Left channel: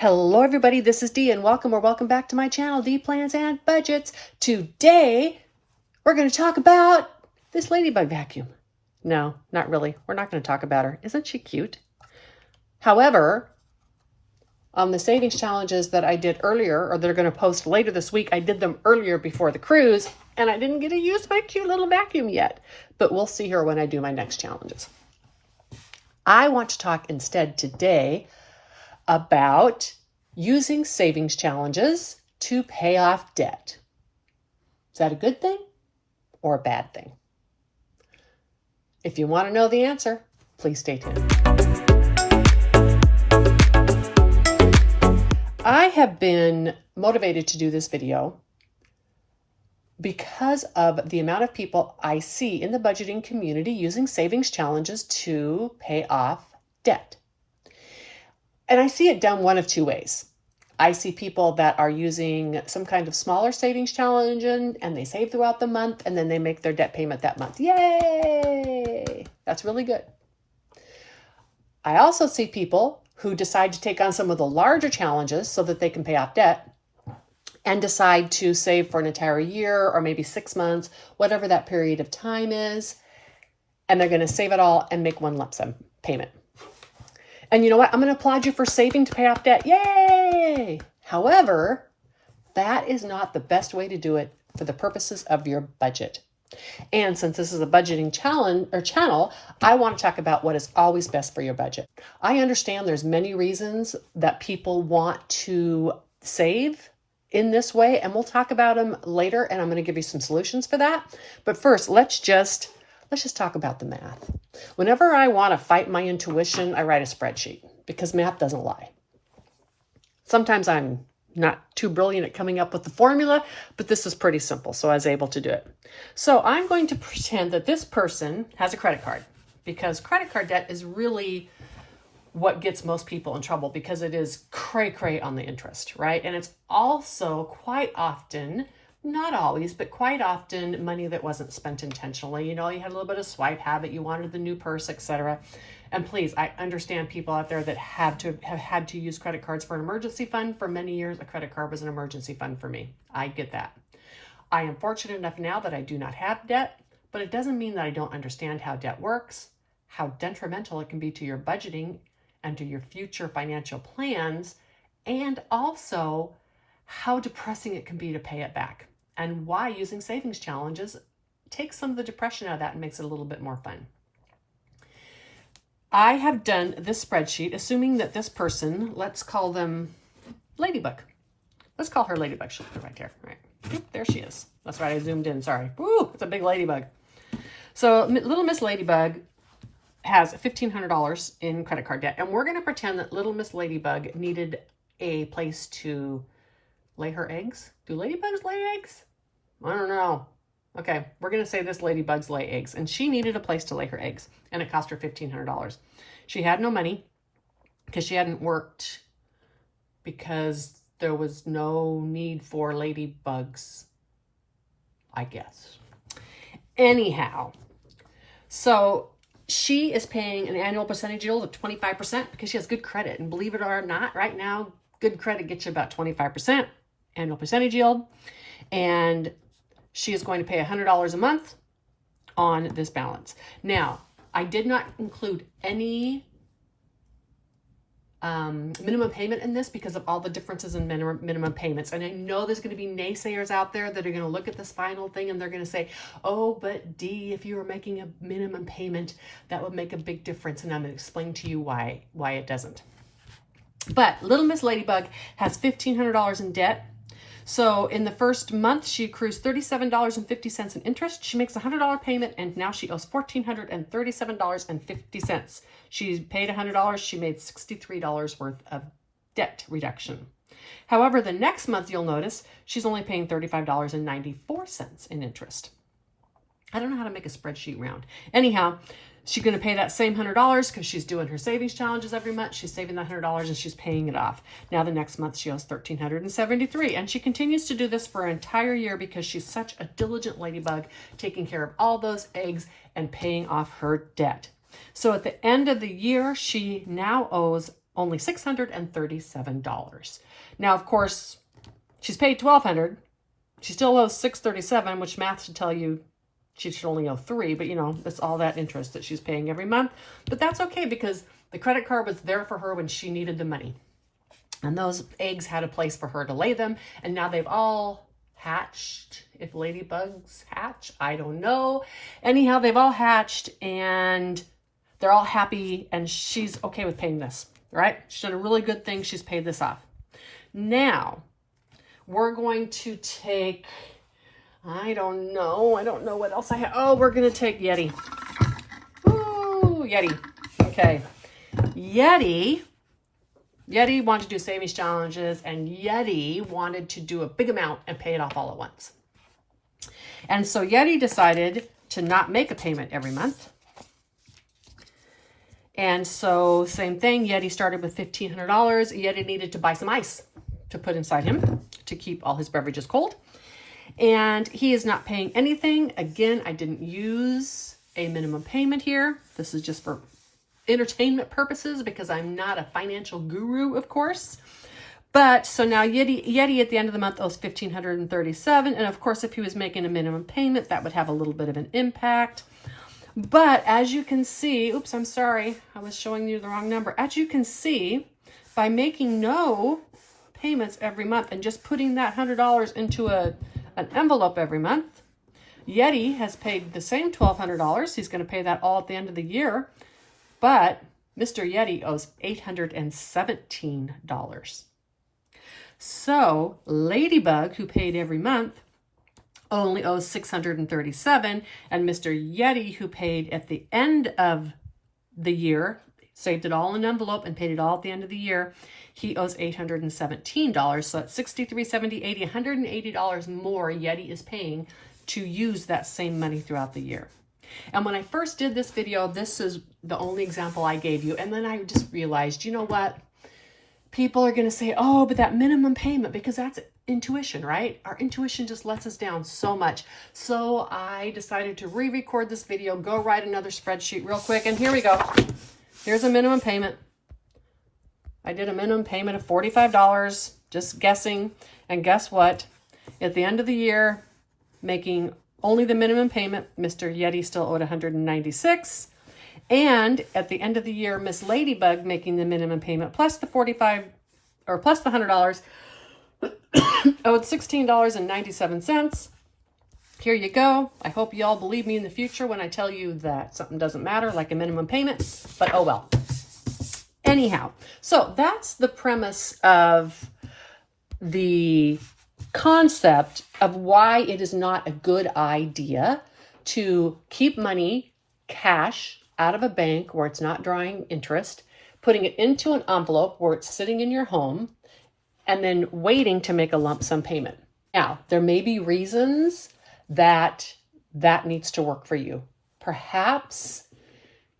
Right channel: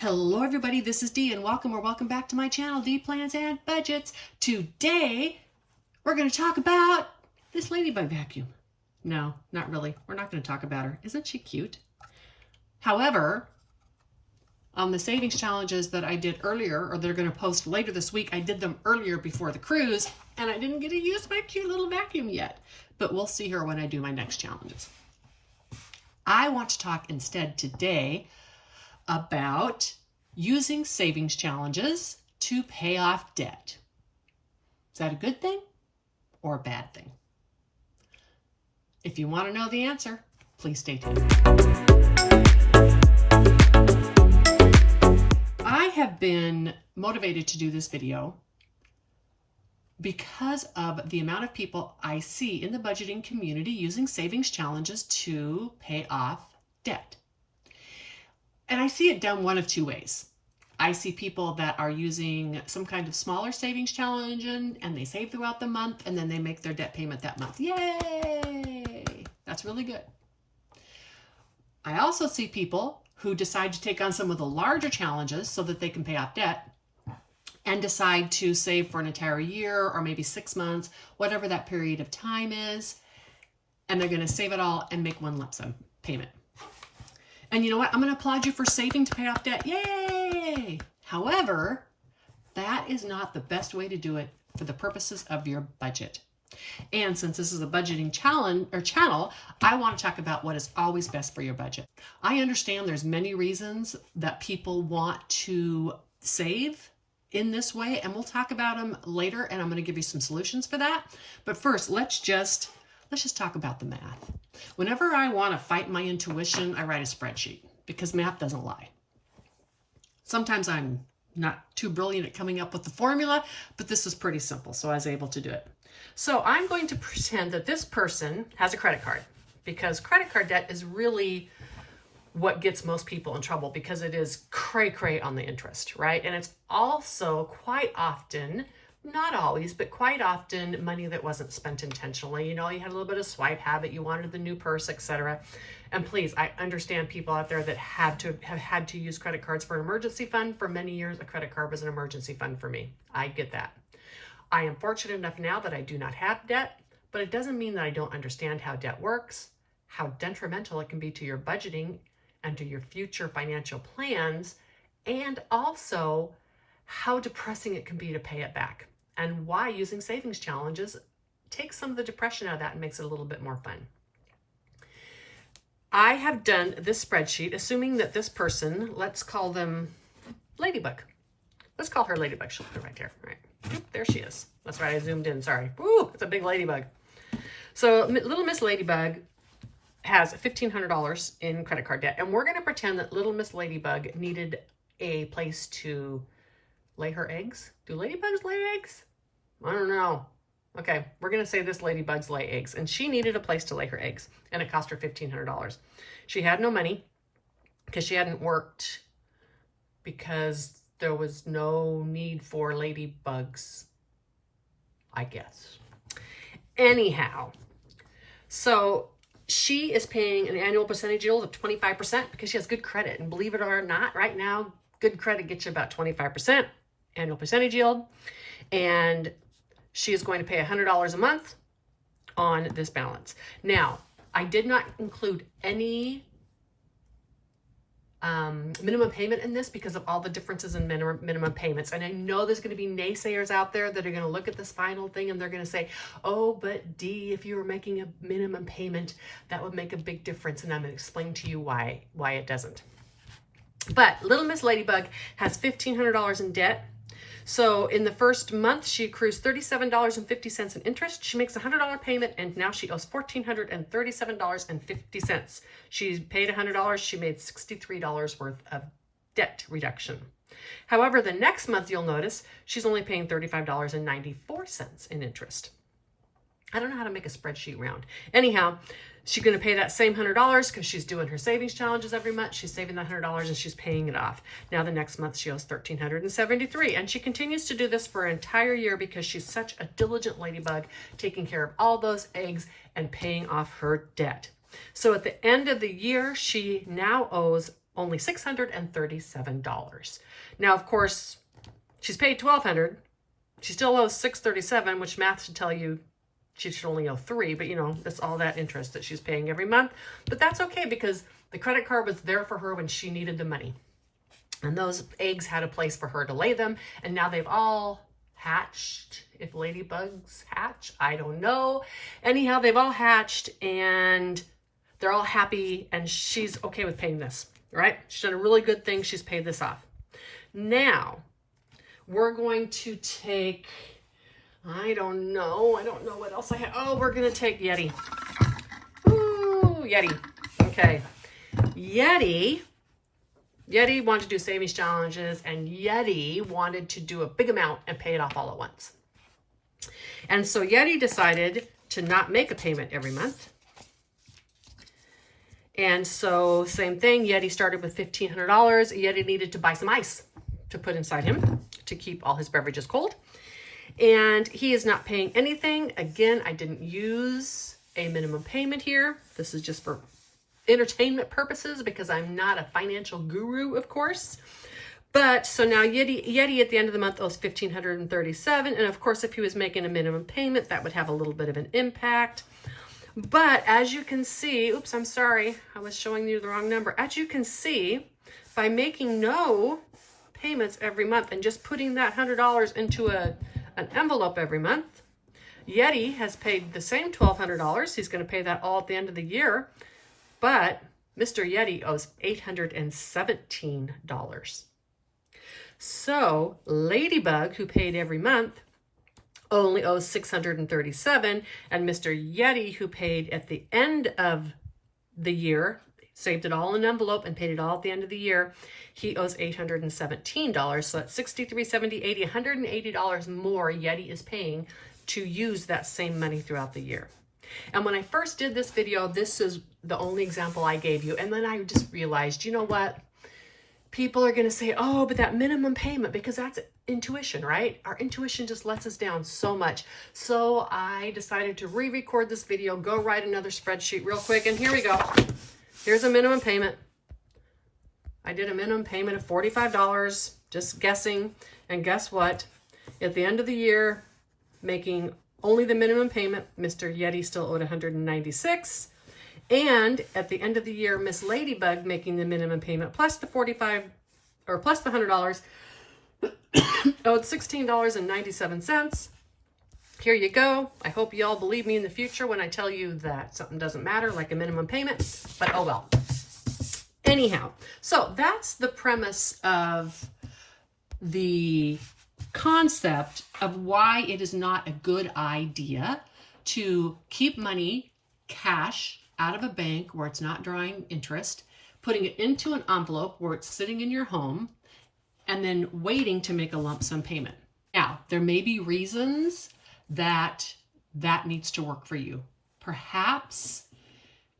Hello everybody, this is Dee and welcome back to my channel, Dee Plans and Budgets. Today, we're going to talk about this ladybug vacuum. No, not really. We're not going to talk about her. Isn't she cute? However, on the savings challenges that I did earlier, or they're going to post later this week, I did them earlier before the cruise, and I didn't get to use my cute little vacuum yet. But we'll see her when I do my next challenges. I want to talk instead today about using savings challenges to pay off debt. Is that a good thing or a bad thing? If you want to know the answer, please stay tuned. I have been motivated to do this video because of the amount of people I see in the budgeting community using savings challenges to pay off debt. And I see it done one of two ways. I see people that are using some kind of smaller savings challenge and they save throughout the month and then they make their debt payment that month. Yay! That's really good. I also see people who decide to take on some of the larger challenges so that they can pay off debt and decide to save for an entire year or maybe 6 months, whatever that period of time is. And they're going to save it all and make one lump sum payment. And you know what? I'm going to applaud you for saving to pay off debt. Yay! However, that is not the best way to do it for the purposes of your budget. And since this is a budgeting challenge or channel, I want to talk about what is always best for your budget. I understand there's many reasons that people want to save in this way, and we'll talk about them later, and I'm going to give you some solutions for that. But first, let's just talk about the math. Whenever I want to fight my intuition, I write a spreadsheet because math doesn't lie. Sometimes I'm not too brilliant at coming up with the formula, but this is pretty simple, so I was able to do it. So I'm going to pretend that this person has a credit card because credit card debt is really what gets most people in trouble because it is cray-cray on the interest, right? And it's also quite often, not always, but quite often money that wasn't spent intentionally. You know, you had a little bit of swipe habit, you wanted the new purse, etc. And please, I understand people out there that have had to use credit cards for an emergency fund. For many years, a credit card was an emergency fund for me. I get that. I am fortunate enough now that I do not have debt, but it doesn't mean that I don't understand how debt works, how detrimental it can be to your budgeting and to your future financial plans, and also how depressing it can be to pay it back, and why using savings challenges takes some of the depression out of that and makes it a little bit more fun. I have done this spreadsheet, assuming that this person, let's call them Ladybug. Let's call her Ladybug. She'll be right there. Right. There she is. That's right. I zoomed in. Sorry. Woo, it's a big ladybug. So little Miss Ladybug has $1,500 in credit card debt. And we're going to pretend that little Miss Ladybug needed a place to lay her eggs. Do ladybugs lay eggs? I don't know. Okay, we're going to say this ladybugs lay eggs. And she needed a place to lay her eggs. And it cost her $1,500. She had no money because she hadn't worked because there was no need for ladybugs, I guess. Anyhow, so she is paying an annual percentage yield of 25% because she has good credit. And believe it or not, right now, good credit gets you about 25% annual percentage yield. And she is going to pay $100 a month on this balance. Now, I did not include any minimum payment in this because of all the differences in minimum payments. And I know there's going to be naysayers out there that are going to look at this final thing and they're going to say, oh, but Dee, if you were making a minimum payment, that would make a big difference. And I'm going to explain to you why it doesn't. But little Miss Ladybug has $1,500 in debt. So in the first month, she accrues $37.50 in interest. She makes a $100 payment, and now she owes $1,437.50. She paid $100. She made $63 worth of debt reduction. However, the next month, you'll notice she's only paying $35.94 in interest. I don't know how to make a spreadsheet round. Anyhow, she's going to pay that same $100 because she's doing her savings challenges every month. She's saving that $100 and she's paying it off. Now the next month she owes $1,373, and she continues to do this for an entire year because she's such a diligent ladybug, taking care of all those eggs and paying off her debt. So at the end of the year, she now owes only $637. Now, of course, she's paid $1,200. She still owes $637, which math should tell you she should only owe $3, but you know, that's all that interest that she's paying every month. But that's okay because the credit card was there for her when she needed the money. And those eggs had a place for her to lay them. And now they've all hatched. If ladybugs hatch, I don't know. Anyhow, they've all hatched and they're all happy and she's okay with paying this, right? She's done a really good thing. She's paid this off. Now, we're going to take, I don't know what else I have. Oh, we're going to take Yeti. Ooh, Yeti. Okay. Yeti wanted to do savings challenges and Yeti wanted to do a big amount and pay it off all at once. And so Yeti decided to not make a payment every month. And so same thing, Yeti started with $1,500. Yeti needed to buy some ice to put inside him to keep all his beverages cold. And he is not paying anything. Again, I didn't use a minimum payment here. This is just for entertainment purposes because I'm not a financial guru, of course. But so now Yeti at the end of the month owes $1,537. And of course, if he was making a minimum payment, that would have a little bit of an impact. But as you can see, oops, I'm sorry, I was showing you the wrong number. As you can see, by making no payments every month and just putting that $100 into an envelope every month, Yeti has paid the same $1,200. He's going to pay that all at the end of the year. But Mr. Yeti owes $817. So Ladybug, who paid every month, only owes $637, and Mr. Yeti, who paid at the end of the year, saved it all in an envelope and paid it all at the end of the year, he owes $817. So that's $63, $70, $80, $180 more Yeti is paying to use that same money throughout the year. And when I first did this video, this is the only example I gave you. And then I just realized, you know what? People are going to say, oh, but that minimum payment, because that's intuition, right? Our intuition just lets us down so much. So I decided to re-record this video, go write another spreadsheet real quick. And here we go. Here's a minimum payment. I did a minimum payment of $45, just guessing. And guess what? At the end of the year, making only the minimum payment, Mr. Yeti still owed $196. And at the end of the year, Miss Ladybug making the minimum payment plus the $45 or plus the $100 owed $16.97. Here you go. I hope you all believe me in the future when I tell you that something doesn't matter like a minimum payment, but oh well. Anyhow, so that's the premise of the concept of why it is not a good idea to keep money, cash, out of a bank where it's not drawing interest, putting it into an envelope where it's sitting in your home, and then waiting to make a lump sum payment. Now, there may be reasons that needs to work for you. Perhaps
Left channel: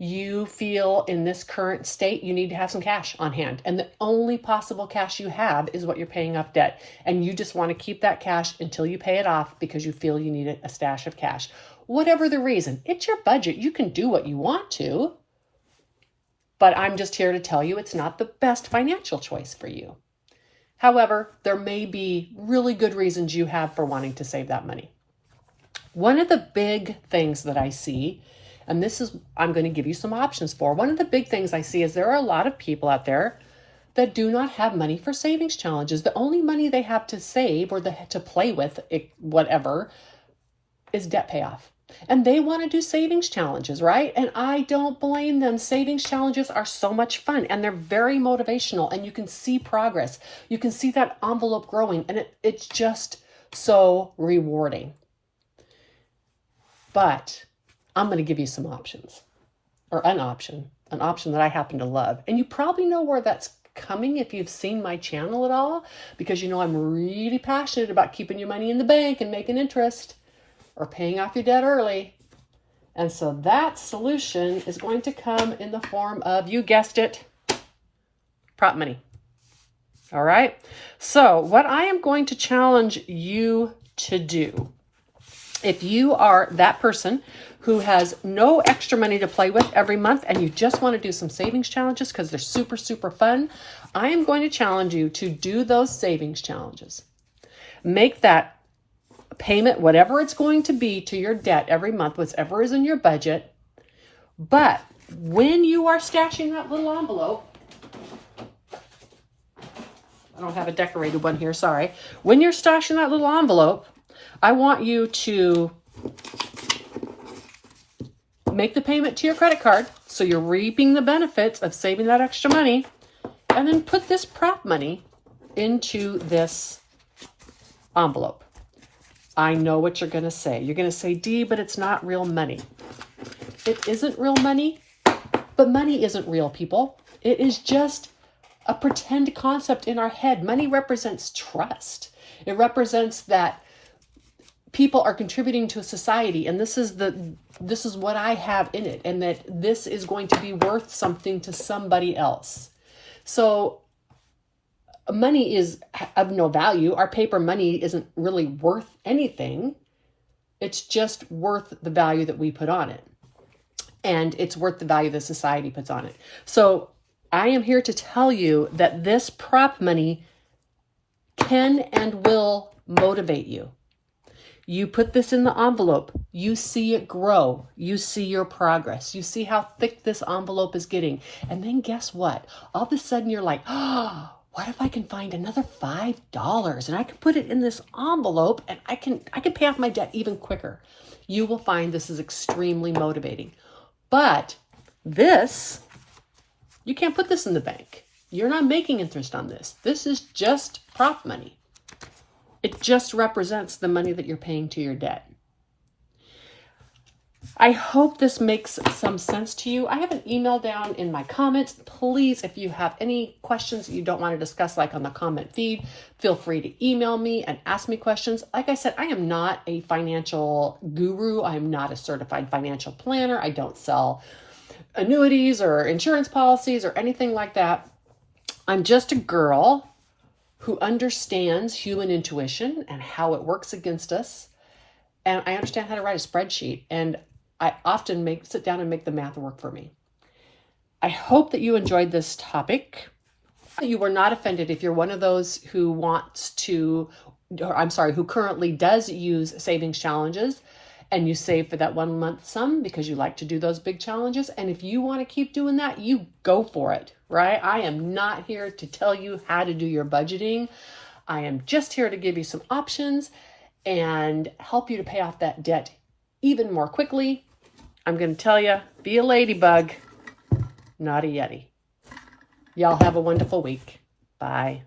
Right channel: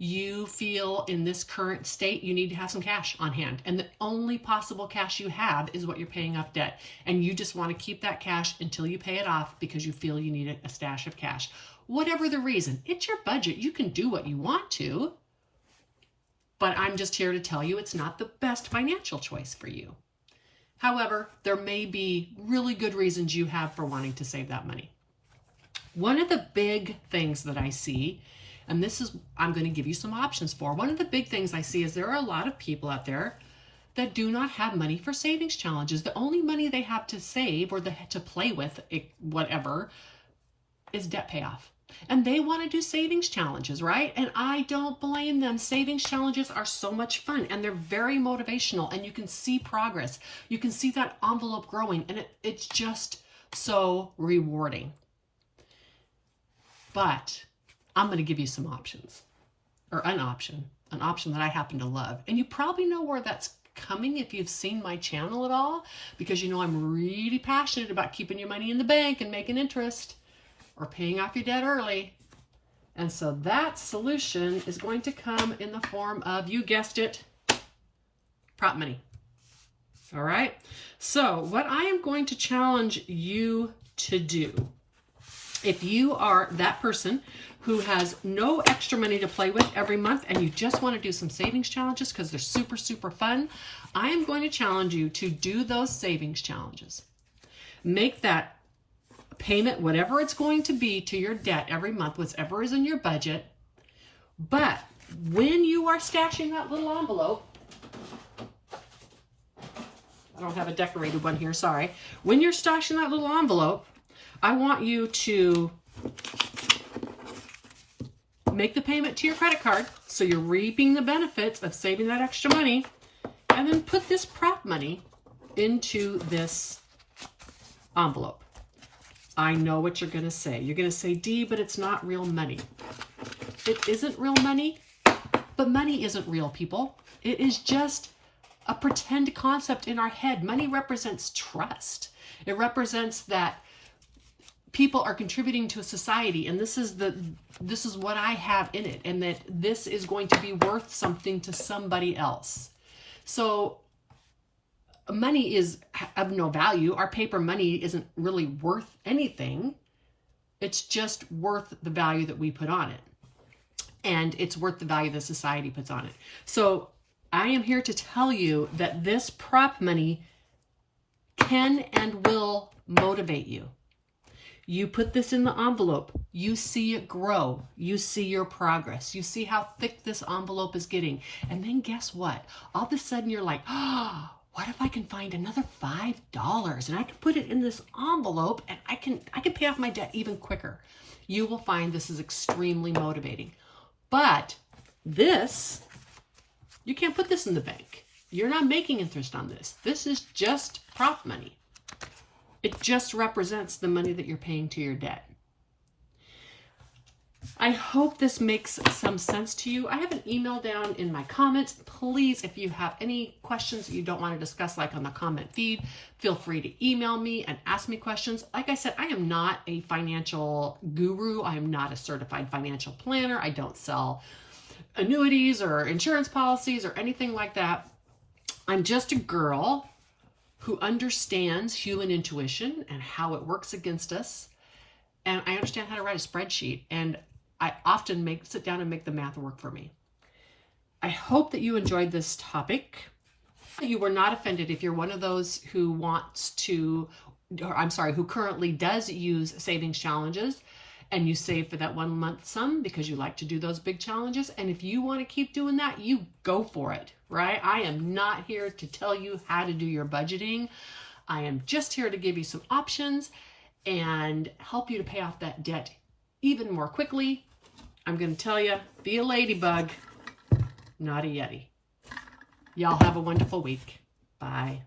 you feel in this current state you need to have some cash on hand, and the only possible cash you have is what you're paying off debt, and you just want to keep that cash until you pay it off because you feel you need a stash of cash. Whatever the reason, it's your budget. You can do what you want to, but I'm just here to tell you it's not the best financial choice for you. However, there may be really good reasons you have for wanting to save that money. One of the big things that I see, and this is, I'm going to give you some options for. One of the big things I see is there are a lot of people out there that do not have money for savings challenges. The only money they have to save or to play with, whatever, is debt payoff. And they want to do savings challenges, right? And I don't blame them. Savings challenges are so much fun and they're very motivational and you can see progress. You can see that envelope growing and it's just so rewarding. But I'm going to give you some options, or an option that I happen to love. And you probably know where that's coming if you've seen my channel at all, because you know I'm really passionate about keeping your money in the bank and making interest or paying off your debt early. And so that solution is going to come in the form of, you guessed it, prop money. All right. So what I am going to challenge you to do If you are that person who has no extra money to play with every month and you just want to do some savings challenges because they're super, super fun, I am going to challenge you to do those savings challenges. Make that payment, whatever it's going to be to your debt every month, whatever is in your budget. But when you are stashing that little envelope, I don't have a decorated one here, sorry. When you're stashing that little envelope, I want you to make the payment to your credit card, so you're reaping the benefits of saving that extra money, and then put this prop money into this envelope. I know what you're going to say. You're going to say, Dee, but it's not real money. It isn't real money, but money isn't real, people. It is just a pretend concept in our head. Money represents trust. It represents that people are contributing to a society, and this is what I have in it, and that this is going to be worth something to somebody else. So money is of no value. Our paper money isn't really worth anything. It's just worth the value that we put on it. And it's worth the value the society puts on it. So I am here to tell you that this prop money can and will motivate you. You put this in the envelope, you see it grow, you see your progress, you see how thick this envelope is getting. And then guess what? All of a sudden you're like, oh, what if I can find another $5 and I can put it in this envelope and I can pay off my debt even quicker. You will find this is extremely motivating. But this, you can't put this in the bank. You're not making interest on this. This is just prop money. It just represents the money that you're paying to your debt. I hope this makes some sense to you. I have an email down in my comments. Please, if you have any questions that you don't want to discuss, like on the comment feed, feel free to email me and ask me questions. Like I said, I am not a financial guru. I am not a certified financial planner. I don't sell annuities or insurance policies or anything like that. I'm just a girl who understands human intuition and how it works against us. And I understand how to write a spreadsheet. And I often sit down and make the math work for me. I hope that you enjoyed this topic. You were not offended if you're one of those who who currently does use savings challenges and you save for that 1 month sum because you like to do those big challenges. And if you want to keep doing that, you go for it, right? I am not here to tell you how to do your budgeting. I am just here to give you some options and help you to pay off that debt even more quickly. I'm going to tell you, be a ladybug, not a Yeti. Y'all have a wonderful week. Bye.